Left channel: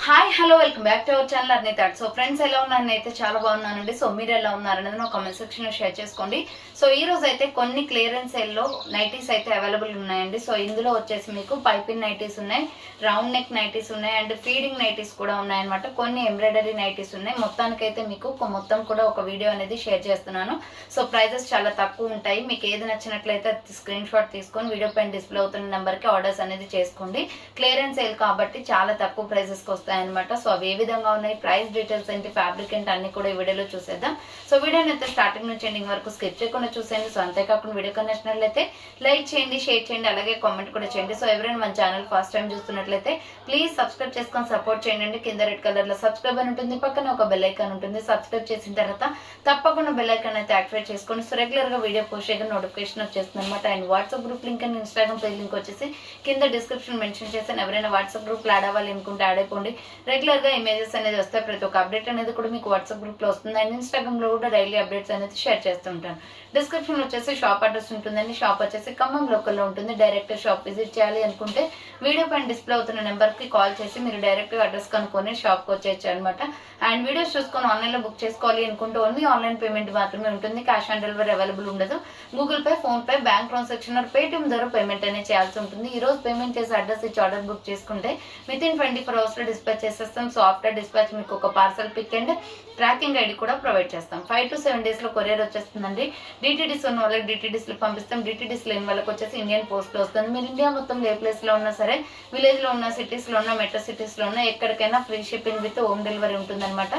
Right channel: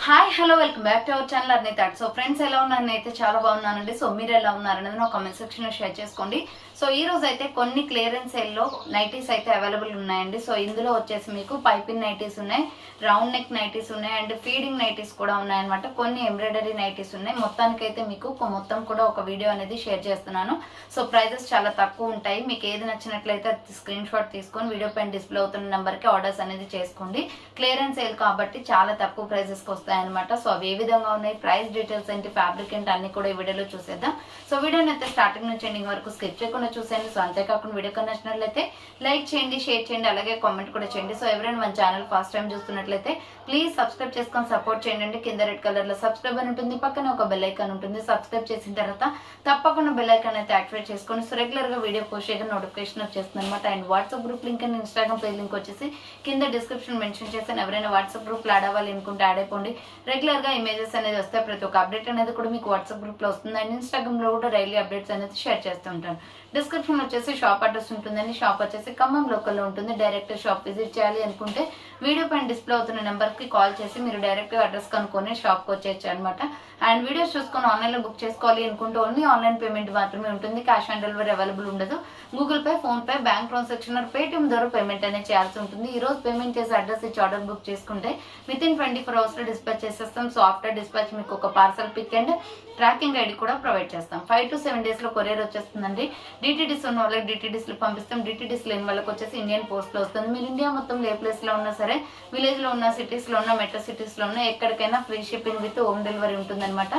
Hi hello welcome back to our channel Arni thought. So friends ఎలా ఉన్నారు? నేనైతే చాలా బాగున్నానండి. సో మీరు ఎలా ఉన్నారనేది నా కామెంట్ సెక్షన్లో షేర్ చేసుకోండి. సో ఈ రోజు అయితే కొన్ని క్లియరెన్స్ సేల్లో నైటీస్ అయితే అవైలబుల్ ఉన్నాయండి. సో ఇందులో వచ్చేసి మీకు పైపింగ్ నైటీస్ ఉన్నాయి, రౌండ్ నెక్ నైటీస్ ఉన్నాయి, అండ్ ఫీడింగ్ నైటీస్ కూడా ఉన్నాయన్నమాట. కొన్ని ఎంబ్రాయిడరీ నైటీస్ ఉన్నాయి. మొత్తానికైతే మీకు మొత్తం కూడా ఒక వీడియో అనేది షేర్ చేస్తున్నాను. సో ప్రైజెస్ చాలా తక్కువ ఉంటాయి. మీకు ఏది నచ్చినట్లయితే స్క్రీన్ షాట్ తీసుకొని వీడియో పైన డిస్ప్లే అవుతున్న నెంబర్కి ఆర్డర్స్ అనేది చేసుకోండి. క్లియరెన్స్ సేల్ కాబట్టి చాలా తక్కువ ప్రైజెస్కి వస్తాయి అనమాట. సో అవి ఏ విధంగా ఉన్నాయి, ప్రైస్ డీటెయిల్స్ ఏంటి, ఫ్యాబ్రిక్ ఏంటి అన్ని కూడా ఈ వీడియోలో చూసేద్దాం. సో వీడియోని అయితే స్టార్టింగ్ నుంచి ఎండింగ్ వరకు స్కిప్ చేయకుండా చూసేయండి. సో అంతేకాకుండా వీడియో నచ్చినట్లయితే లైక్ చేయండి, షేర్ చేయండి, అలాగే కామెంట్ కూడా చేయండి. సో ఎవరైనా మన ఛానల్ ఫస్ట్ టైం చూస్తున్నట్లయితే ప్లీజ్ సబ్స్క్రైబ్ చేసుకొని సపోర్ట్ చేయండి. కింద రెడ్ కలర్ లో సబ్స్క్రైబ్ అని ఉంటుంది, పక్కన ఒక బెల్ ఐకాన్ ఉంటుంది. సబ్స్క్రైబ్ చేసిన తర్వాత తప్పకుండా బెల్ ఐకాన్ అయితే యాక్టివేట్ చేసుకొని సో రెగ్యులర్ గా వీడియో పోస్ట్ చేయగా నోటిఫికేషన్ వచ్చేస్తుంది అనమాట. And WhatsApp group link and Instagram page link వచ్చేసి కింద డిస్క్రిప్షన్ మెన్షన్ చేశాను. ఎవరైనా వాట్సాప్ గ్రూప్ లో యాడ్ అవ్వాలి అనుకుంటే యాడ్ అయిపోండి. రెగ్యులర్ గా ఇమేజెస్ అనేది వస్తాయి, ప్రతి ఒక్క అప్డేట్ అనేది కూడా మీకు వాట్సాప్ గ్రూప్ లో వస్తుంది. అండ్ ఇన్స్టాగ్రామ్ లో కూడా డైలీ అప్డేట్స్ అనేది షేర్ చేస్తూ ఉంటాను. డిస్క్రిప్షన్ వచ్చేసి షాప్ అడ్రస్ ఉంటుందండి. షాప్ వచ్చేసి ఖమ్మం లోకల్లో ఉంటుంది. డైరెక్ట్ షాప్ విజిట్ చేయాలి అనుకుంటే వీడియో పైన డిస్ప్లే అవుతున్న నెంబర్ కి కాల్ చేసి మీరు డైరెక్ట్ అడ్రస్ కనుక్కొని షాప్ కి వచ్చేయచ్చు అనమాట. అండ్ వీడియోస్ చూసుకొని ఆన్లైన్ లో బుక్ చేసుకోవాలి అనుకుంటే ఓన్లీ ఆన్లైన్ పేమెంట్ మాత్రమే ఉంటుంది. క్యాష్ ఆన్ డెలివరీ అవైలబుల్ ఉండదు. Google Pay, PhonePe, bank transaction Paytm ద్వారా పేమెంట్ అనేది చేయాల్సి ఉంటుంది. ఈ రోజు పేమెంట్ చేసి అడ్రస్ ఇచ్చి ఆర్డర్ బుక్ చేసుకుంటే విత్ ఇన్ 24 hours లో డిస్పాచ్ చేసేస్తాం. సో ఆఫ్టర్ డిస్పాచ్ మీకు ఒక parcel pick and tracking ID కూడా ప్రొవైడ్ చేస్తాం. 5 to 7 days లో కొరియర్ వచ్చేస్తుందండి. డిటిడిస్ ఉన్న వాళ్ళకి డిటిడిస్ లో పంపిస్తాం. డిటిడిస్ లేని వాళ్ళకి వచ్చేసి ఇండియన్ పోస్ట్ లో వస్తుంది. మీరు ఇండియా మొత్తం ఏ ప్లేస్ లో ఉన్నా సరే, విలేజ్ లో ఉన్న, సిటీస్ లో ఉన్న, మెట్రో సిటీస్ లో ఉన్న ఎక్కడికైనా free shipping with home delivery ఉంటుంది అనమాట.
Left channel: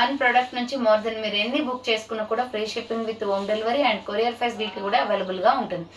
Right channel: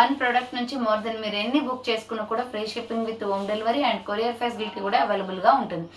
1 ప్రోడక్ట్ నుంచి మోర్ దెన్ మీరు ఎన్ని బుక్ చేసుకున్నా కూడా free shipping with home delivery and courier facility కూడా అవైలబుల్ గా ఉంటుంది.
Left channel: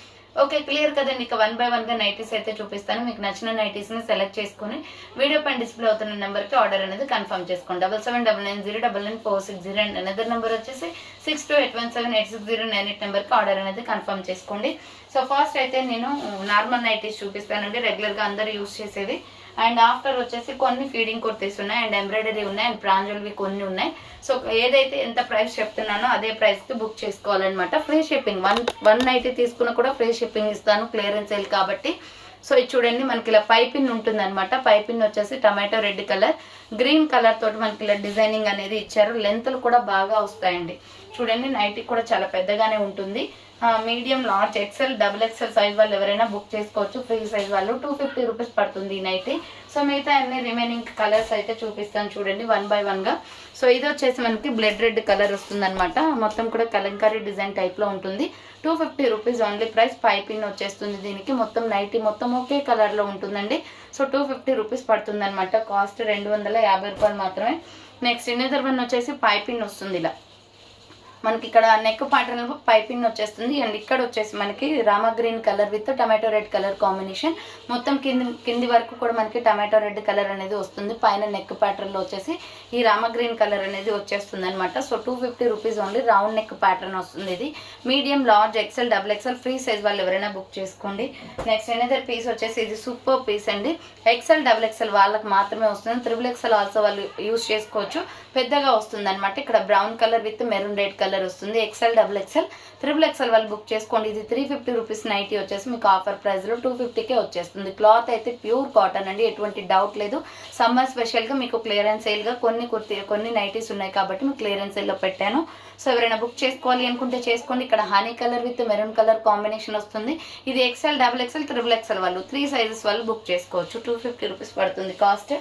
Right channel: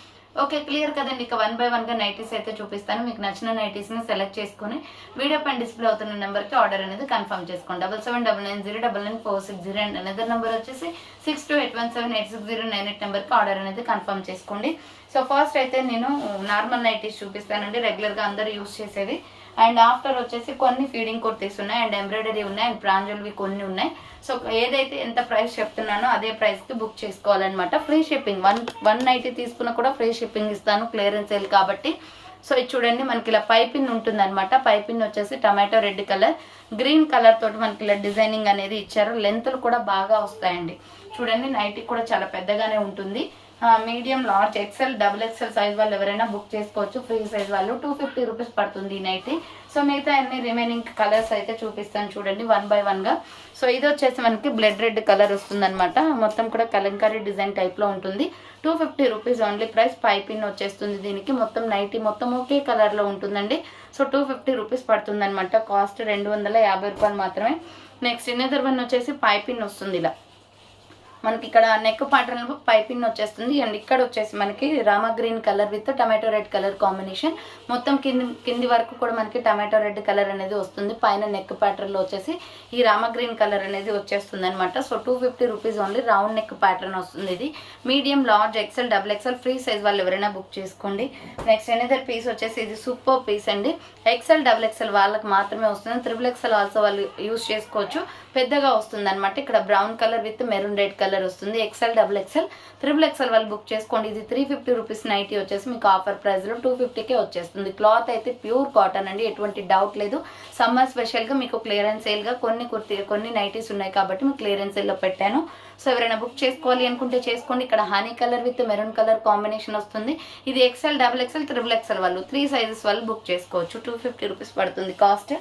ఓకే, క్లియర్ కదండి. ఇక 1 by 1 గా నైటీస్ అయితే చూపిస్తాను. మీకు నచ్చిన నైటీస్ ని సెలెక్ట్ చేసుకుని వీడియో పైన డిస్ప్లే అవుతున్న నెంబర్ కి ఆర్డర్ అనేది కన్ఫర్మ్ చేసుకోండి. 7799099460 అండ్ అనదర్ నెంబర్ వచ్చేసి 6281786098 నెంబర్ కి ఆర్డర్ అనేది కన్ఫర్మ్ చేసుకోండి. సో ఫస్ట్ అయితే నేను నార్మల్ నైటీస్ చూపిస్తానండి, రెగ్యులర్ గా అందరూ యూస్ చేసేవి. అండ్ ఆఫ్టర్ వచ్చేసి కొన్ని ఫీడింగ్ కుర్తీస్ ఉన్నాయి, అండ్ ఎంబ్రాయిడరీ ఉన్నాయి, అండ్ ప్రాంజుల్వి కొన్ని ఉన్నాయి. సో ఏదైతే ఎంత ప్రైస్ చెప్తున్నానో అదే ప్రైస్ కి బుక్ చేసుకోవాలన్నమాట. ఫ్రీ షిప్పింగ్, వన్ నైటీ తీసుకున్నా కూడా ఫ్రీ షిప్పింగ్ ఇస్తాను, క్లియరెన్స్ సేల్ కాబట్టి. సో ఇది చూడండి, మనకి ఇలా పైపిన్ ఉంటుంది అనమాట. పైపిన్ వచ్చేసి tomato red colour, green colour తోటి మనకి ఇలా డిజైనింగ్ అనేది ఇచ్చారు. లెంత్లు కూడా బాగా వస్తాయండి. చూడండి, నైటీ కూడా చాలా పెద్దగానే ఉంటుంది. Medium, large, XL, double XL size వాళ్ళు ఎవరైనా బుక్ చేసుకోవచ్చు. ఫ్రీ సైజ్ వాళ్ళు 250 రూపీస్ పడుతుంది ఈ నైటీ. సో మిగతా అన్ని రిమైనింగ్ కలర్స్ అయితే చూపిస్తాను చూడండి 1 by 1 గా. సో ఇది వచ్చేసి మనకి బ్లడ్ రెడ్ కలర్ వస్తుంది అనమాట. మొత్తం కూడా కలంకారీ డిజైన్ టైప్ లో ఉంటుంది. 250 రూపీస్ ఓన్లీ ప్రైస్. పైపిన్ వచ్చేస్తుంది దీనికి. మొత్తం నైటీ మొత్తం ఒకే కలర్ లో ఉంటుందండి. సో 250 రూపీస్ పడుతుంది అనమాట. కాస్ట్ 250 రూపాయలు మాత్రమే. నెక్స్ట్ ఇన్నర్ వన్ వచ్చేసి పైపిన్ వస్తుంది ఇలా. మనకి ఇక్కడ నెక్ ప్యాటర్న్ పైపింగ్ వచ్చేస్తుంది. అండ్ ఇక్కడ వచ్చేసి మనకి Rama green colour with tomato red colour combination. మొత్తం కింది వరకు కూడా మనకి టమాటో రెడ్ కలర్ అనేది వస్తుంది. పైన నెక్ ప్యాటర్న్ లో వచ్చేసి ఈ రామా గ్రీన్ కలర్ అనేది వచ్చేస్తుంది అనమాట. So 250 rupees only. Round neck pattern వస్తుంది. ఇది medium, large, XL, double XL free size వాళ్ళు ఎవరైనా బుక్ చేసుకోండి. నెక్స్ట్ ఎనదర్ పీస్ వచ్చేసి ఇది సూపర్ పీస్ అండి. ఎక్సెల్, డబుల్ ఎక్సెల్ వాళ్ళకి మాత్రమే వస్తుంది. త్రిబుల్ ఎక్సెల్ ఆల్సో వాళ్ళు యూజ్ చేసుకోవచ్చు. పెద్దగా వస్తుంది అనమాట. ఇక్కడ brown colour with maroon red colour వస్తుంది. XL, double XL, triple XL వాళ్ళు బుక్ చేసుకోండి. ఇది 350 రూపీస్ నైటీ వచ్చేసి మీకు ఆఫర్ ప్రైస్ లో 250కే వచ్చేస్తుంది. క్లాత్ అయితే ప్యూర్ కాటన్ అండి, ఎటువంటి డౌట్ లేదు. సమ్మర్ స్పెషల్ గా మీకు క్లియరెన్స్ సేల్ గా కొన్ని నైటీస్ ఉన్నాయి కాబట్టి మీకు క్లియరెన్స్ సేల్ లో పెట్టాను. సో ఎవరైనా బుక్ చేసుకోవాలి అనుకుంటే చేసుకోండి. ఇక్కడ honey colour with maroon colour combination వస్తుంది. ఇది XL, double XL, triple XL వాళ్ళు 3 సైజెస్ వాళ్ళు బుక్ చేసుకోవచ్చు. 250 రూపీస్ పడుతుంది కాస్ట్.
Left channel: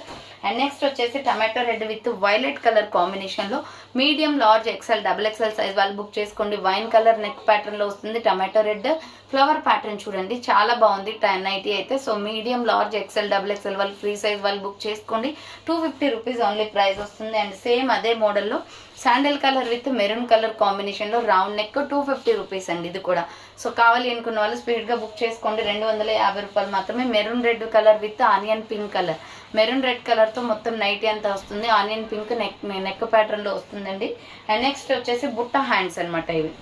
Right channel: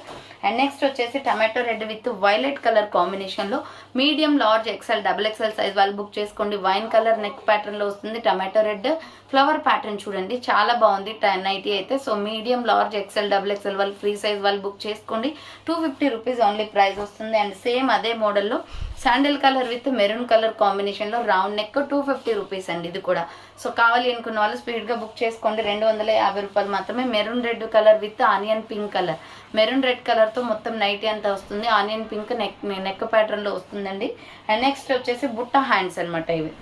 అండ్ నెక్స్ట్ వచ్చేసి tomato red with violet colour combination లో medium, large, XL, double XL size వాళ్ళు బుక్ చేసుకోండి. వైన్ కలర్ నెక్ ప్యాటర్న్ లో వస్తుంది. టమాటో రెడ్ ఫ్లవర్ ప్యాటర్న్ చూడండి, చాలా బాగుంది నైటీ అయితే. So medium, large, XL, double XL వాళ్ళు ఫ్రీ సైజ్ వాళ్ళు బుక్ చేసుకోండి. 250 రూపీస్ ఓన్లీ ప్రైస్ వస్తుంది. అండ్ సేమ్ అదే మోడల్లో sandal colour with maroon colour combination లో రౌండ్ నెక్ 250 రూపీస్ అండి ఇది కూడా. సో కావాలి అనుకున్న వాళ్ళు స్పీడ్ గా బుక్ చేసుకోండి. 250 రూపాయలు మాత్రమే. Maroon red colour with onion pink colour. Maroon red colour తో మొత్తం నైటీ అంతా వస్తుంది. ఆనియన్ పింక్ నెక్ ప్యాటర్న్ లో వస్తుందండి. అండ్ నెక్స్ట్ వచ్చేసి బుట్ట హ్యాండ్స్ అనమాట ఇవి.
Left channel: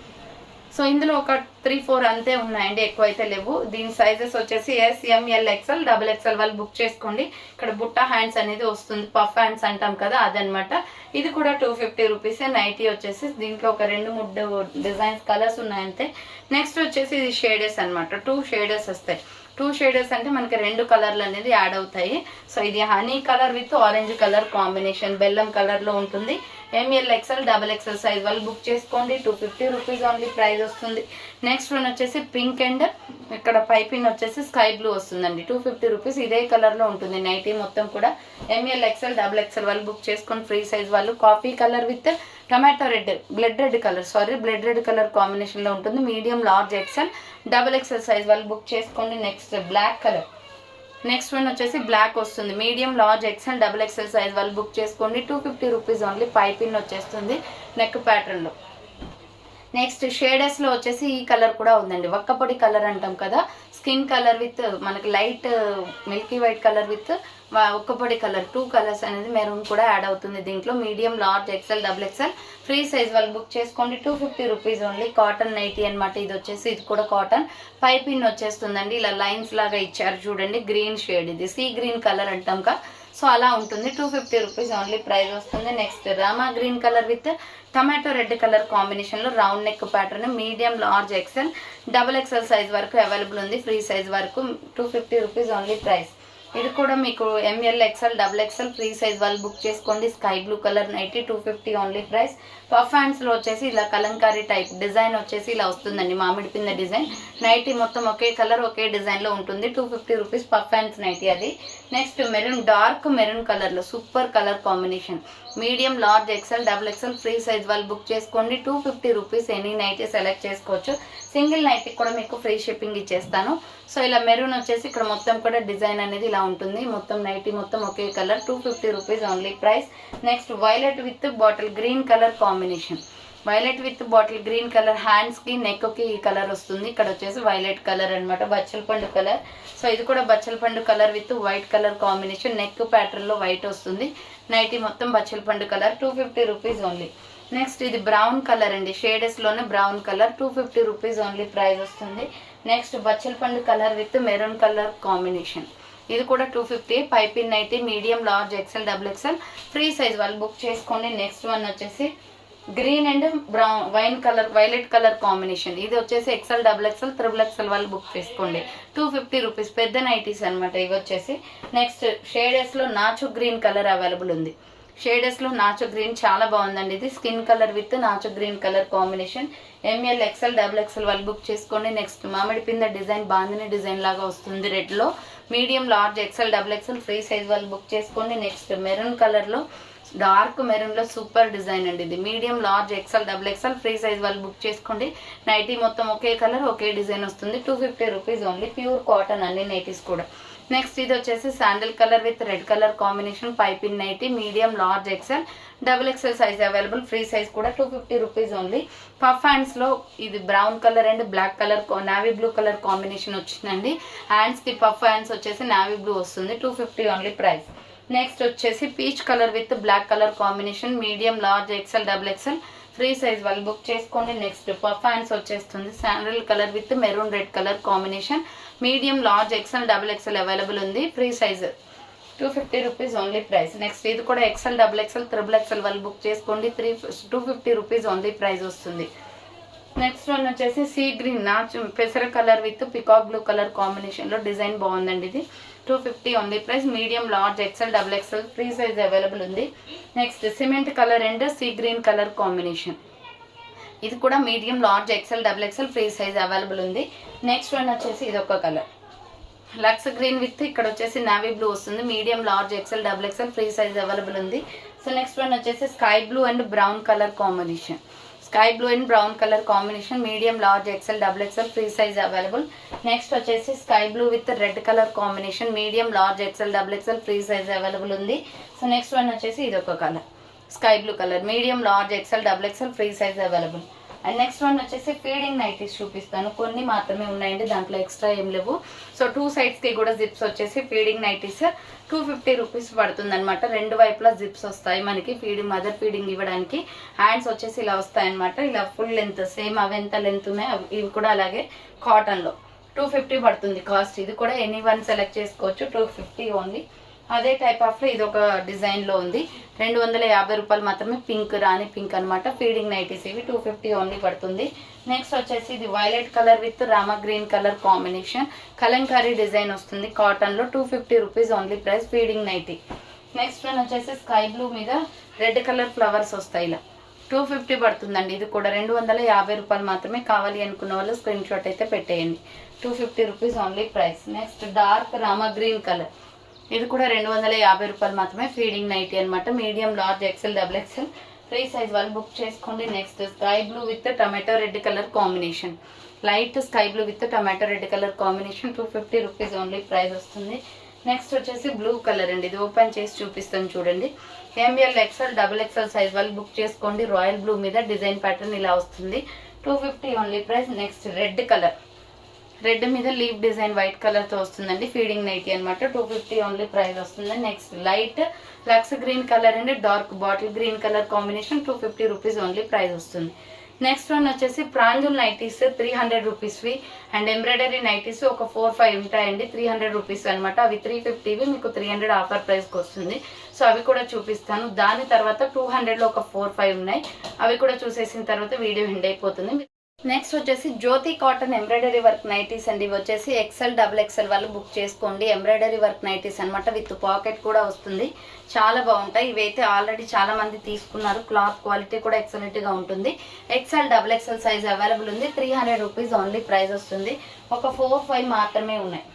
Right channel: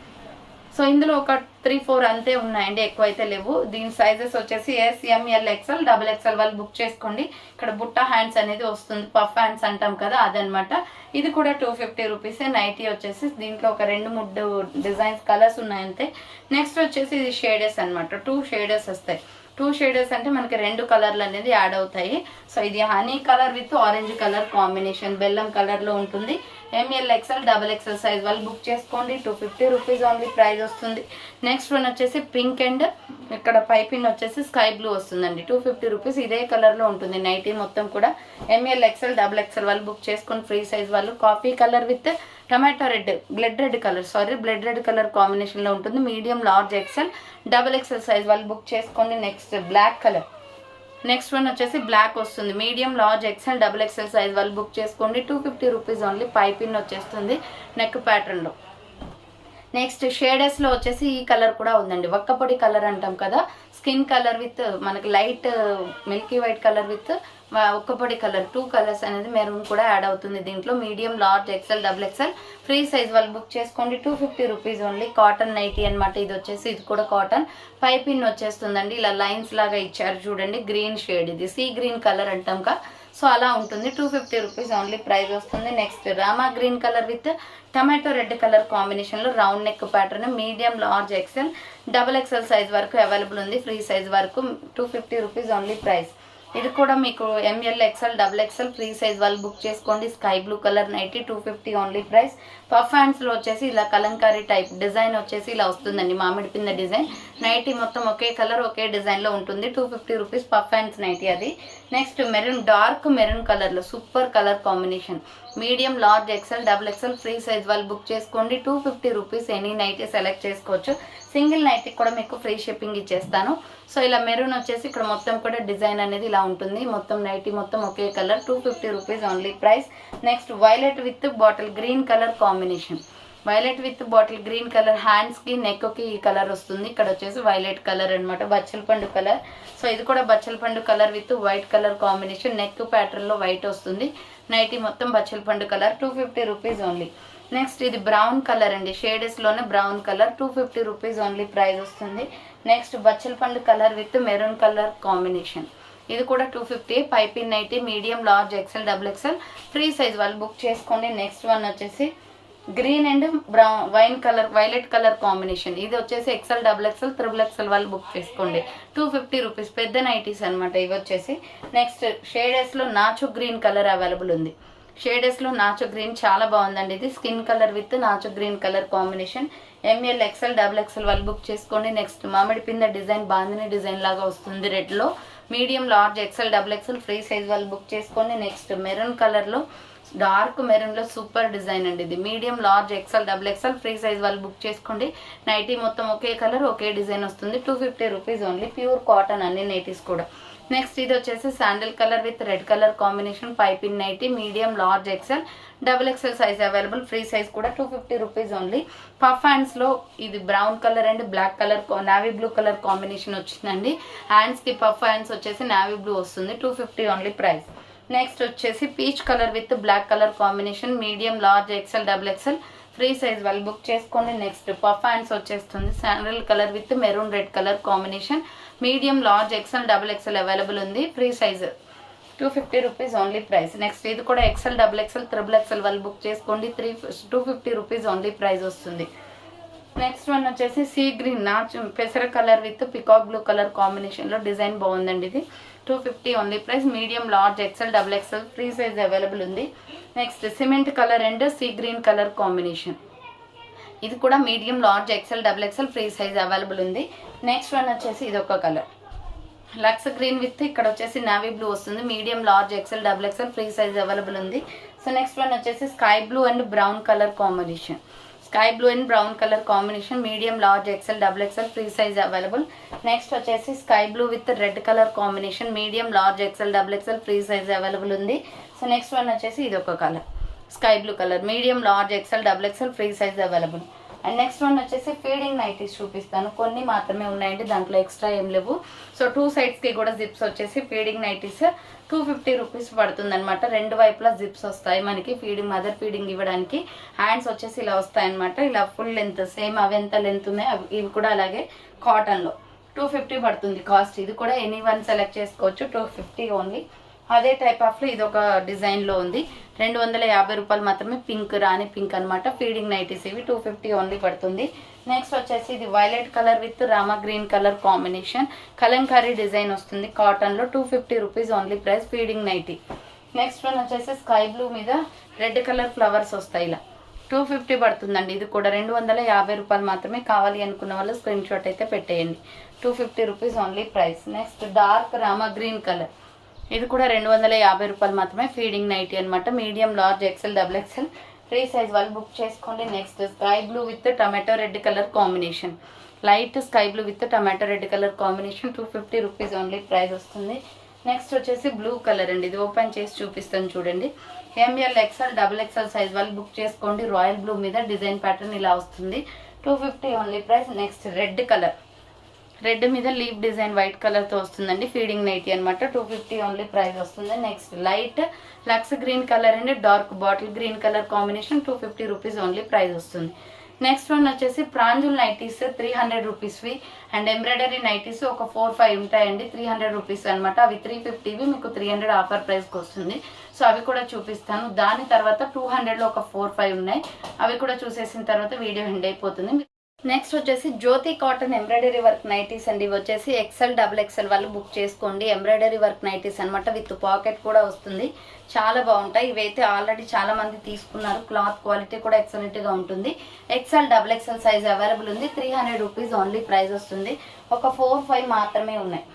సో ఇందులో ఒక 3-4 అంతే ఉన్నాయండి, ఎక్కువ అయితే లేవు. దీని సైజెస్ వచ్చేసి ఎస్, ఎం, ఎల్, ఎక్స్ఎల్, డబుల్ ఎక్స్ఎల్ వాళ్ళు బుక్ చేసుకోండి. ఇక్కడ బుట్ట హ్యాండ్స్ అనేది వస్తుంది, పఫ్ హ్యాండ్స్ అంటాం కదా అదనమాట. ఇది కూడా 250 రూపీస్. నైటీ వచ్చేసి దీంట్లో ఒక 2-3 డిజైన్స్ కలర్స్ ఉన్నాయంతే. నెక్స్ట్ వచ్చేసి ఇది షేడర్స్ అనమాట. 2 షేడర్స్ వస్తాయి. 2 షేడర్స్ అంటే మనకి 2 కలర్లు అనేది యాడ్ అవుతాయి. సో ఇది honey colour with orange colour combination, బెల్లం కలర్లో ఉంటుంది. M L XL double XL size వాళ్ళు బుక్ చేసుకోండి. 250 రూపీస్ ఓన్లీ ప్రైస్ వస్తుంది. నెక్స్ట్ వన్ వచ్చేసి పింక్ అండ్ ఇక్కడ పైపింగ్ వచ్చేసి స్కై బ్లూ వస్తుందండి. 250 రూపీస్ ఇదే కలర్లో ఉంటుంది నైటీ మొత్తం కూడా. ఎంఎల్ ఎక్స్ఎల్ డబల్ ఎక్స్ఎల్ వాళ్ళు బుక్ చేసుకొని ఫ్రీ సైజ్ వాళ్ళు. Coffee colour with tomato red, blood red colour కాంబినేషన్లో ఉంటుంది. Medium large XL double XL size వాళ్ళు బుక్ చేసుకోండి. Next black colour, next one వచ్చేసి బ్లాక్ వస్తుంది. Medium large XL double XL size వాళ్ళు బుక్ చేసుకోండి. 250 రూపీస్ ఓన్లీ. పైపిన్ వచ్చేస్తుంది neck ప్యాటర్న్లో. నెక్స్ట్ షేడర్స్లో వచ్చేసి ఈ కలర్ కూడా ఉందండి, వక్కపొడి కలర్ అంటాం కదా, స్కిన్ కలర్ విత్ మనకి light milky white colour with ఒక్కపొడి కలర్, 2 కలర్స్ అనేది మెరూన్ కూడా యాడ్ అవుతుంది దీంట్లో. Medium large XL double XL free size వాళ్ళు బుక్ చేసుకోండి. 250 రూపీస్ ఓన్లీ. కాటన్ నైటీ అనమాట ఇది వచ్చేసి, ఇది కూడా కాటన్. పైపిన్ వచ్చేస్తుందండి, ఇలా లైన్స్ లాగా ఇచ్చారు చూడండి. గ్రీన్ షేడ్, ఇది సీ గ్రీన్ కలర్ అంటాం కదా, సో అలా ఉంటుంది. 250 రూపీస్ ఓన్లీ ప్రైస్ వస్తుంది. Next Rama green colour with tomato red colour కాంబినేషన్లో round neck pattern, medium large XL double XL size వరకు అవైలబుల్ ఉంది. ఫ్రీ సైజ్ వరకు 250 రూపీస్ ఓన్లీ ప్రైస్. ఇది కూడా మీకు M L XL double XL free size వాళ్ళు book చేసుకోండి. Sky blue colour nighty 250 only price. Puff హ్యాండ్స్లో వచ్చేసి ఇలా కలంకారీ టైప్ డిజైన్ వచ్చేసి ఇలా వస్తుందండి, మామిడి పింద డిజైన్. నైటీ మొత్తం ఒకే కలర్ ఒకే డిజైన్లో ఉంటుంది. 250 రూపీస్ పఫ్ హ్యాండ్స్ నైటీ అది. నెక్స్ట్ మెరూన్, డార్క్ మెరూన్ కలర్లో super colour combination, medium large XL double XL free size వాళ్ళు బుక్ చేసుకోండి. 250 రూపీస్. ఎనీ నైటీ సెలెక్ట్ చేసుకోవచ్చు. సింగిల్ నైటీ కూడా మీకు ఫ్రీ షిప్పింగ్ ఇచ్చేస్తాను. సో ఇలా మెరూన్ వచ్చేసి ఇక్కడ మొత్తం కూడా డిజైన్ అనేది ఇలా ఉంటుంది. మొత్తం నైటీ మొత్తం ఒకే colour. 250 rupees only price. Next violet with bottle green colour combination, violet with bottle green colour. హ్యాండ్స్కి నెక్కి ఈ కలర్ వస్తుంది. ఇక్కడ వచ్చేసి వైలెట్ కలర్ అనమాట, బచ్చల పండు కలర్. సో ఇది కూడా బచ్చల పండు colour with white colour combination. Neck ప్యాటర్న్లో వైట్ వస్తుంది. నైటీ మొత్తం బచ్చల పండు కలర్. 250 rupees only. నెక్స్ట్ ఇది బ్రౌన్ కలర్ అండి, షేడెస్లోనే brown colour. 250 rupees only price వస్తుంది. నెక్స్ట్ బచ్చల పండు colour with maroon colour combination, ఇది కూడా 250. Piping nightie medium large XL double XL free size వాళ్ళు బుక్ చేసుకోండి. నెక్స్ట్ వన్ వచ్చేసి green and brown wine colour violet colour combination, ఇది వచ్చేసి XL double XL triple XL వాళ్ళు బుక్ చేసుకోండి. 250 rupees. పెద్ద నైటీస్ అనమాట ఇవి వచ్చేసి. నెక్స్ట్ షేడెస్లో నాచు గ్రీన్ కలర్ అవైలబుల్ ఉంది. షేడెస్లో నాచు గ్రీన్ చాలా బాగుందండి. ఇది స్కిన్ కలర్ విత్ నాచు green colour combination. M L XL double XL వాళ్ళు బుక్ చేసుకోండి. నెక్స్ట్ మామిడి పింద డిజైన్, బాందిని డిజైన్ లాగా వస్తుంది రెడ్లో. Medium large XL double XL free size వాళ్ళు బుక్ చేసుకోండి. నెక్స్ట్ మెరూన్ కలర్లో, డార్క్ మెరూన్లో సూపర్ డిజైన్ అండి ఇది. Medium large XL double XL free size వాళ్ళు బుక్ చేసుకోండి. నైటీ మొత్తం ఒకే కలర్ ఒకే డిజైన్ వస్తుంది. 250 రూపీస్ ఓన్లీ. ప్యూర్ కాటన్ అన్ని నైటీస్ కూడా. నెక్స్ట్ ఇది వచ్చేసి sandal colour with red colour combination. Piping nightie medium large XL double XL size available. Free size కూడా 250 రూపీస్ ఓన్లీ. పఫ్ హ్యాండ్స్లో ఇది brown colour and black colour navy blue colour combination వచ్చిందండి. హ్యాండ్స్కి puff hands వచ్చేసి navy blue వస్తుంది. 250 only price. Next వచ్చేసి peach colour with black colour combination. Medium large XL double XL free size వాళ్ళు book చేసుకోండి. Next puff hands వచ్చేస్తుంది. Sandal colour with maroon red colour combination. Medium large XL double XL available ఉంది. Free size 250 rupees only price. Next ఇది కూడా XL double XL triple XL వాళ్ళు book చేసుకోండి. 250 rupees only price వస్తుంది. Next one వచ్చేసి sea green నాచు పెసర కలర్ విత్ పికాక్ బ్లూ కలర్ కాంబినేషన్లో డిజైన్ బాగుందండి ఇది. 250 only price. Medium large XL double XL free size available ఉంది. Next cement colour and sea green colour combination, ఇది కూడా medium large XL double XL free size available ఉంది. Next one వచ్చేసి ఇది ఒక కలర్ లక్స్ గ్రీన్ విత్ ఇక్కడ వచ్చేసి navy blue వస్తుంది. Medium large XL double XL free size available ఉంది. సో నెక్స్ట్ వన్ వచ్చేసి sky blue and brown colour combination, sky blue and brown colour combination. Medium large XL double XL free size available. Next వచ్చేసి sky blue with red colour combination. Medium large XL double XL free size available ఉంది. So next one వచ్చేసి ఇది ఒక colour sky blue colour. Medium large XL double XL free size available. And next one వచ్చేసి feeding nighties చూపిస్తాను. కొన్ని మాత్రమే ఉన్నాయండి, దాంట్లో ఎక్స్ట్రా ఏం లేవు. సో 2 సైడ్స్కి కూడా జిప్స్ వచ్చేసి ఫీడింగ్ నైటీస్ 250 రూపీస్ పడుతుంది అనమాట. 2 వైపులా జిప్స్ వస్తాయి మనకి ఫీడింగ్, మదర్ ఫీడింగ్ ఇవ్వడానికి. హ్యాండ్స్ వచ్చేసి ఇలా వస్తాయి అనమాట. ఇలా ఫుల్ లెంత్ సేమ్ అవి ఎంత లెంత్ ఉన్నాయో ఇవి కూడా అలాగే కాటన్లో 250 పడుతుంది కాస్ట్. ఇది కూడా ఎనీ వన్ సెలెక్ట్ చేసుకోవచ్చు. 250 ఓన్లీ. అదే టైప్ ఆఫ్లో ఇది ఒక డిజైన్లో ఉంది. 250 రూపాయలు మాత్రమే. పింక్, రాణి పింక్ అనమాట. ఫీడింగ్ నైటీస్ ఇవి 250 ఓన్లీ పడుతుంది. నెక్స్ట్ వచ్చేసి ఇది violet colour with Rama green colour combination Kalamkari design వస్తుంది కాటన్లో. 250 rupees only price. Feeding nightie. Next one వచ్చేసి స్కై బ్లూ మీద రెడ్ కలర్ ఫ్లవర్స్ వస్తాయి ఇలా. 250 పడుతుందండి. ఇది కూడా 250 రూపాయలు మాత్రమే. కావాలి అనుకున్న వాళ్ళు స్క్రీన్ షాట్ అయితే పెట్టేయండి. 250 rupees only price. Next dark Rama green colour, ఇది కూడా 250 రూపాయలు మాత్రమే. ఫీడింగ్ నైటీ అనమాట. Medium, large, XL, double XL free size వాళ్ళు బుక్ చేసుకోండి. Next sky blue with tomato red colour combination, light sky blue with tomato red colour combination 250 rupees only price వస్తుంది. Next వచ్చేసి blue colour అండి. ఇది open చేసి చూపిస్తాను చూడండి. M L, XL, double XL size వాళ్ళు బుక్ చేసుకోండి. రాయల్ బ్లూ మీద డిజైన్ ప్యాటర్న్ ఇలా వస్తుంది. 250 only price. Next red colour, red మీద లీవ్ డిజైన్ వైట్ కలర్తో వస్తుందండి. ఫీడింగ్ నైటీ అనమాట. 250 ఓన్లీ ప్రైస్ వస్తుంది. Next light lux green colour అండి dark bottle green colour combination 250 rupees only price వస్తుంది. నెక్స్ట్ వన్ వచ్చేసి ప్రాంజుల్ నైటీస్ 300 రూపీస్వి అండ్ ఎంబ్రాయిడరీ నైటీస్ ఒక 4-5 ఉంటాయండి. 300 రూపీస్ అనమాట. అవి 350వి మీకు 300 ఆఫర్ ప్రైస్కి వస్తుంది. సో అవి కూడా చూపిస్తాను. దాని తర్వాత 200లో ఒక 4-5 ఉన్నాయి. అవి కూడా చూసేసిన తర్వాత వీడియో ఎండ్ అయిపోతుంది. నెక్స్ట్ వచ్చేసి జ్యోతి కాటన్ ఎంబ్రాయిడరీ వర్క్ నైటీస్ అండి. ఇవి వచ్చేసి ఎక్సెల్, డబుల్ ఎక్సెల్ వాళ్ళు బుక్ చేసుకోండి. ఎంబ్రాయిడరీ వర్క్ నైటీస్ అనమాట. విత్ పాకెట్ కూడా వస్తుంది. చాలా బాగుంటాయి. ఇవైతే ఆల్రెడీ చాలా మంది తీసుకున్నారు. క్లాత్ క్వాలిటీ కూడా ఎక్సలెంట్గా ఉంటుంది. XL, double XL size available ఉంది. 300 రూపీస్ ఓన్లీ ప్రైస్ వస్తుంది. ఒక 4-5 మాత్రమే ఉన్నాయి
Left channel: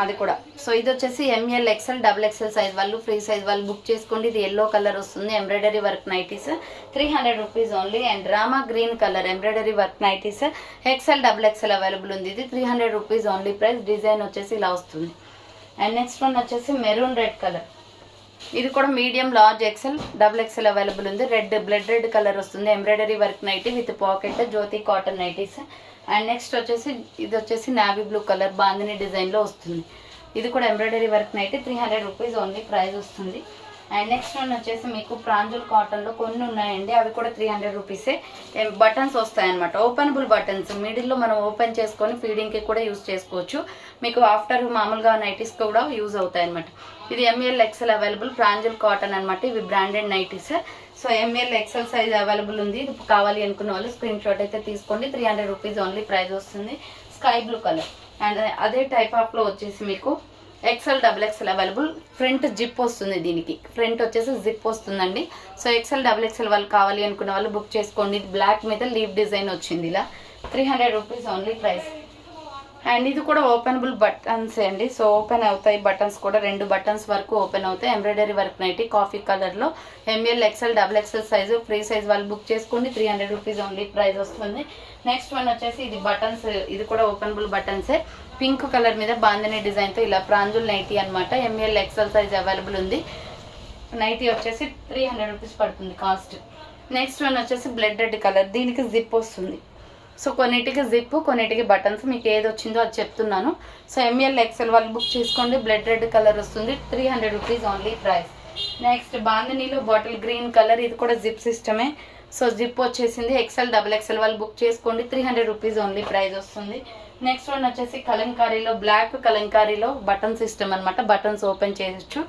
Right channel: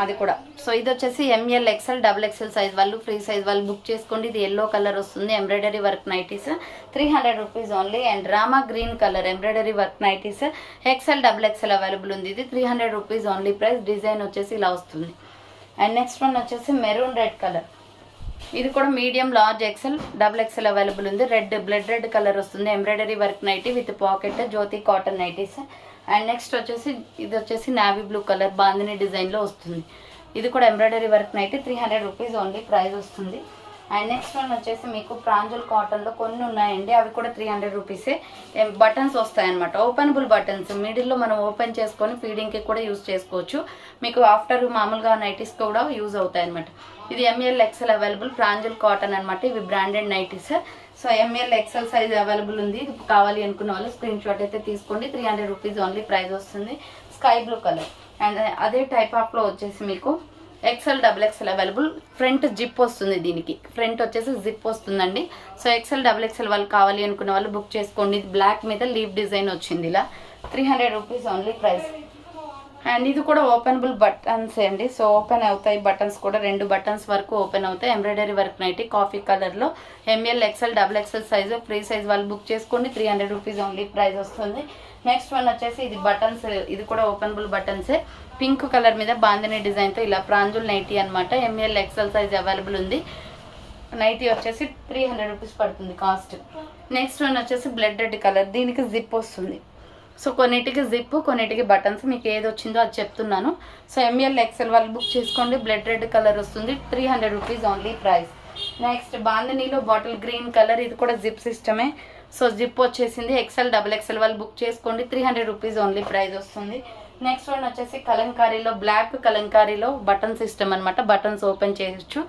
అది కూడా. సో ఇది వచ్చేసి M L, XL, double XL size వాళ్ళు ఫ్రీ సైజ్ వాళ్ళు బుక్ చేసుకోండి. ఇది ఎల్లో కలర్ వస్తుంది. Embroidery work nighties 300 rupees only. And Rama green colour embroidery work nighties XL, double XL available ఉంది. ఇది 300 రూపీస్ ఓన్లీ ప్రైస్. డిజైన్ వచ్చేసి ఇలా వస్తుంది. అండ్ నెక్స్ట్ వన్ వచ్చేసి మెరూన్ రెడ్ కలర్, ఇది కూడా medium, large, XL, double XL available ఉంది. Red blood red colour వస్తుంది. Embroidery work nightie with pocket Jyothi cotton nighties. And next వచ్చేసి ఇది వచ్చేసి నావీ బ్లూ కలర్ బాందిని డిజైన్లో వస్తుంది. ఇది కూడా embroidery work nightie 300 rupees only price వస్తుంది. అండ్ నెక్స్ట్ వన్ వచ్చేసి మీకు ప్రాంజుల్ కాటన్లో కొన్ని ఉన్నాయండి. అవి కూడా 300 రూపీసే. బటన్స్ వస్తాయన్నమాట. ఓపెనబుల్ బటన్స్, మిడిల్లో మనం ఓపెన్ చేసుకొని ఫీడింగ్కి కూడా యూజ్ చేసుకోవచ్చు. మీకు ఆఫ్టర్ మామూలుగా నైటీస్కి కూడా యూజ్ అవుతాయి అనమాట. ఇది M L, XL available. Pranjul cotton అనమాట. ఇవి branded nighties. So M L, XL size available ఉంది. ఇది కావాలి అనుకున్న వాళ్ళు స్క్రీన్ షాట్ అయితే తీసుకోండి. 300 రూపీస్ ఓన్లీ ప్రైస్ వస్తుంది. Sky blue colour. అండ్ అదే టైప్ ఆఫ్లో వచ్చేసి మీకు XL, double XL available. Front zip వస్తుంది. దీనికి ఫ్రంట్ వచ్చేసి జిప్ వస్తుందండి. సో ఎక్సెల్, డబుల్ ఎక్సెల్ వాళ్ళు కావాలి అనుకున్న వాళ్ళు బుక్ చేసుకోండి. ఇది బ్లాక్ మీద లీవ్ డిజైన్ వచ్చింది ఇలా. 300 రూపీస్ ఓన్లీ ప్రైస్. అండ్ ఇది కూడా ఓపెనబుల్ బటన్స్ అండి. సో ఓపెన్ అవుతాయి బటన్స్ కూడా. 2 బటన్స్ వరకు ఓపెన్ అవుతాయి. ఎంబ్రాయిడరీ వర్క్ నైటీ కాఫీ కలర్లో M L, XL, double XL size free size వాళ్ళు బుక్ చేసుకోండి. 300 రూపీస్ ఓన్లీ ప్రైస్ వస్తుంది. నెక్స్ట్ వన్ వచ్చేసి ఇది బటన్స్. ఇది కూడా ఓపెనబుల్ బటన్సే. పింక్ కలర్ మీద బాందిని డిజైన్తో ఇలా ప్రాంజుల్ నైటీ అనమాట. ఎంఎల్, ఎక్సెల్ సైజ్ అవైలబుల్ ఉంది. నైటీ వచ్చేసి 300 రూపీస్ పడుతుంది కాస్ట్. నెక్స్ట్ వన్ వచ్చేసి బ్లడ్ రెడ్ కలర్. దీనికి జిప్ వస్తుంది. సో కొన్నిటికి జిప్, కొన్నిటికి బటన్స్. మీకు ఏది వచ్చిందో అది చెప్తున్నాను. సో ఎంఎల్, ఎక్సెల్ వాళ్ళు బుక్ చేసుకోండి. బ్లడ్ రెడ్ కలర్ వస్తుంది. 300 రూపీస్ ఓన్లీ ప్రైస్. నెక్స్ట్ బాందినీలో బాటిల్ గ్రీన్ కలర్. ఇది కూడా జిప్ సిస్టమే. సో జిప్ వచ్చేసింది. ఎక్సెల్, డబుల్ ఎక్సెల్ వాళ్ళు బుక్ చేసుకోండి. 300 రూపీస్ ఓన్లీ ప్రైస్ వస్తుంది. నెక్స్ట్ వన్ వచ్చేసి కలంకారీలో బ్లాక్ కలంకారీలో బటన్ సిస్టమ్ అనమాట. బటన్స్ ఓపెన్ చేయొచ్చు.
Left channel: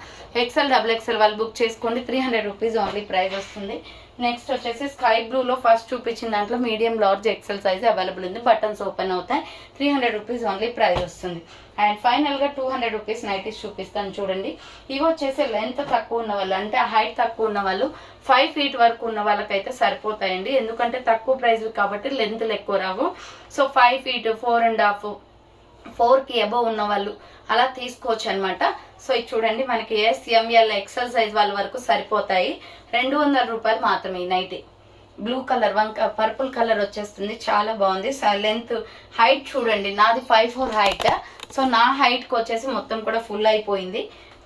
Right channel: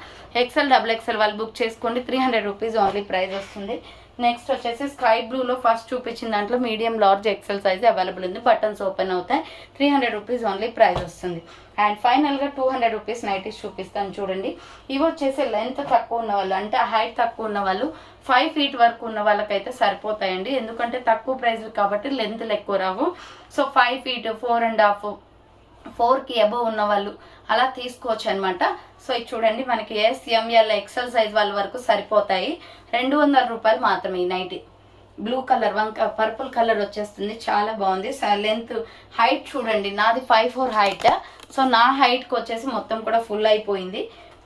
ఎక్సెల్, డబుల్ ఎక్సెల్ వాళ్ళు బుక్ చేసుకోండి. 300 రూపీస్ ఓన్లీ ప్రైస్ వస్తుంది. నెక్స్ట్ వచ్చేసి స్కై బ్లూలో ఫస్ట్ చూపించిన దాంట్లో medium, large, XL size available ఉంది. బటన్స్ ఓపెన్ అవుతాయి. 300 రూపీస్ ఓన్లీ ప్రైస్ వస్తుంది. అండ్ ఫైనల్గా 200 రూపీస్ నైటీస్ చూపిస్తాను చూడండి. ఇవి వచ్చేసి లెంత్ తక్కువ ఉన్న వాళ్ళు, అంటే హైట్ తక్కువ ఉన్న వాళ్ళు, 5 feet వరకు ఉన్న వాళ్ళకైతే సరిపోతాయండి. ఎందుకంటే తక్కువ ప్రైస్ కాబట్టి లెంత్లు ఎక్కువ రావు. సో 5 feet, 4.5, 4కి అబవ్ ఉన్న వాళ్ళు అలా తీసుకోవచ్చు అనమాట. సో ఇది చూడండి మనకి ఎస్ఎంఎల్, ఎక్సెల్ సైజ్ వాళ్ళ వరకు సరిపోతాయి. 200 రూపాయలు మాత్రమే ఈ nightie. Blue colour purple colour వచ్చేస్తుంది. చాలా బాగుంది. లెంత్ హైట్ చూడండి. నాది 5'4" హైట్. సో నా హైట్కి వచ్చేసి మొత్తం కూడా ఫుల్ అయిపోయింది.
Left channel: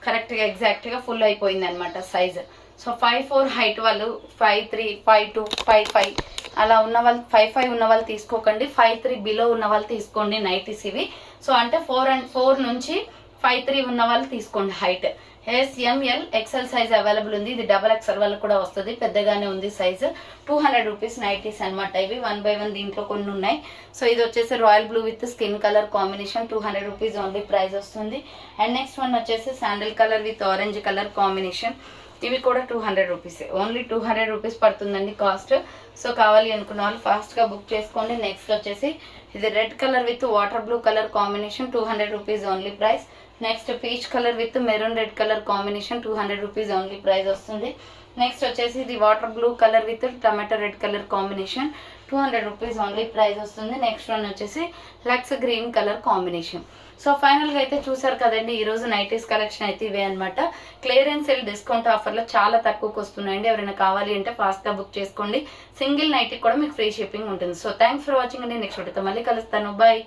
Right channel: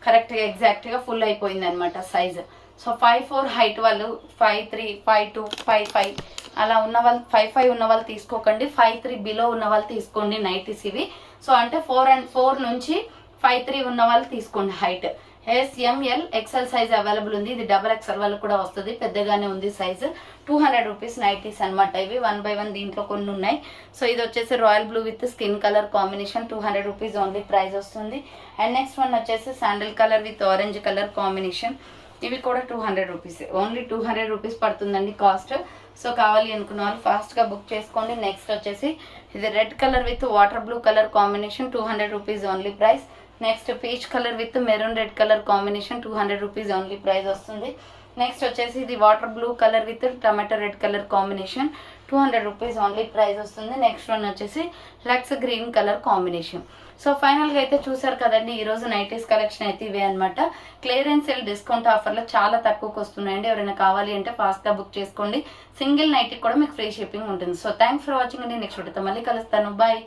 కరెక్ట్గా ఎగ్జాక్ట్గా ఫుల్ అయిపోయింది అనమాట సైజ్. సో 5'4" హైట్ వాళ్ళు 5'3", 5'2", 5'5" అలా ఉన్న వాళ్ళు, 5'5" ఉన్న వాళ్ళు తీసుకోకండి. 5'3" బిలో ఉన్న వాళ్ళు తీసుకోండి నైటీస్ ఇవి. సో అంటే 4 నుంచి 5'3" ఉన్న వాళ్ళు తీసుకోండి height. SML XL size available ఉంది. ఇది XXL వాళ్ళకి కూడా వస్తుంది, పెద్దగానే ఉంది సైజు. 200 రూపీస్ నైటీస్ అనమాట. ఇవి 1 by 1 దీంట్లో కొన్ని ఉన్నాయి. సో ఇది వచ్చేసి royal blue with skin colour combination, 200 rupees only price వస్తుంది. అండ్ నెక్స్ట్ వన్ వచ్చేసి sandal colour with orange colour combination. ఇవి కూడా 200 రూపీస్, ఓన్లీ 200 రూపీస్ పడుతుందండి కాస్ట్. సో కావాలి అనుకున్న వాళ్ళు ఫాస్ట్గా బుక్ చేసుకోండి. నెక్స్ట్ వచ్చేసి ఇది red colour with water blue colour combination, 200 rupees only price. Next peach colour with maroon red colour combination, 200 rupees only price వస్తుంది. నెక్స్ట్ వచ్చేసి ఇది water blue colour with tomato red colour combination, 200 rupees only price వస్తుంది. Next one వచ్చేసి లక్స్ green colour combination. So ఫైనల్గా అయితే చూసారు కదండి, ఈరోజు నైటీస్ కలెక్షన్ అయితే ఇవే అనమాట. క్లియరెన్స్ సేల్ డిస్కౌంట్ ఆఫర్లో చాలా తక్కువకి వస్తున్నాయండి. ఎవరైనా కావాలి అంటే ఫాస్ట్గా బుక్ చేసుకోండి. సింగిల్ నైట్కి కూడా మీకు ఫ్రీ షిప్పింగ్ ఉంటుంది. సో థ్యాంక్స్ ఫర్ వాచింగ్ అండి. నెక్స్ట్ వీడియోతో మళ్ళీ కలుస్తాను. బాయ్.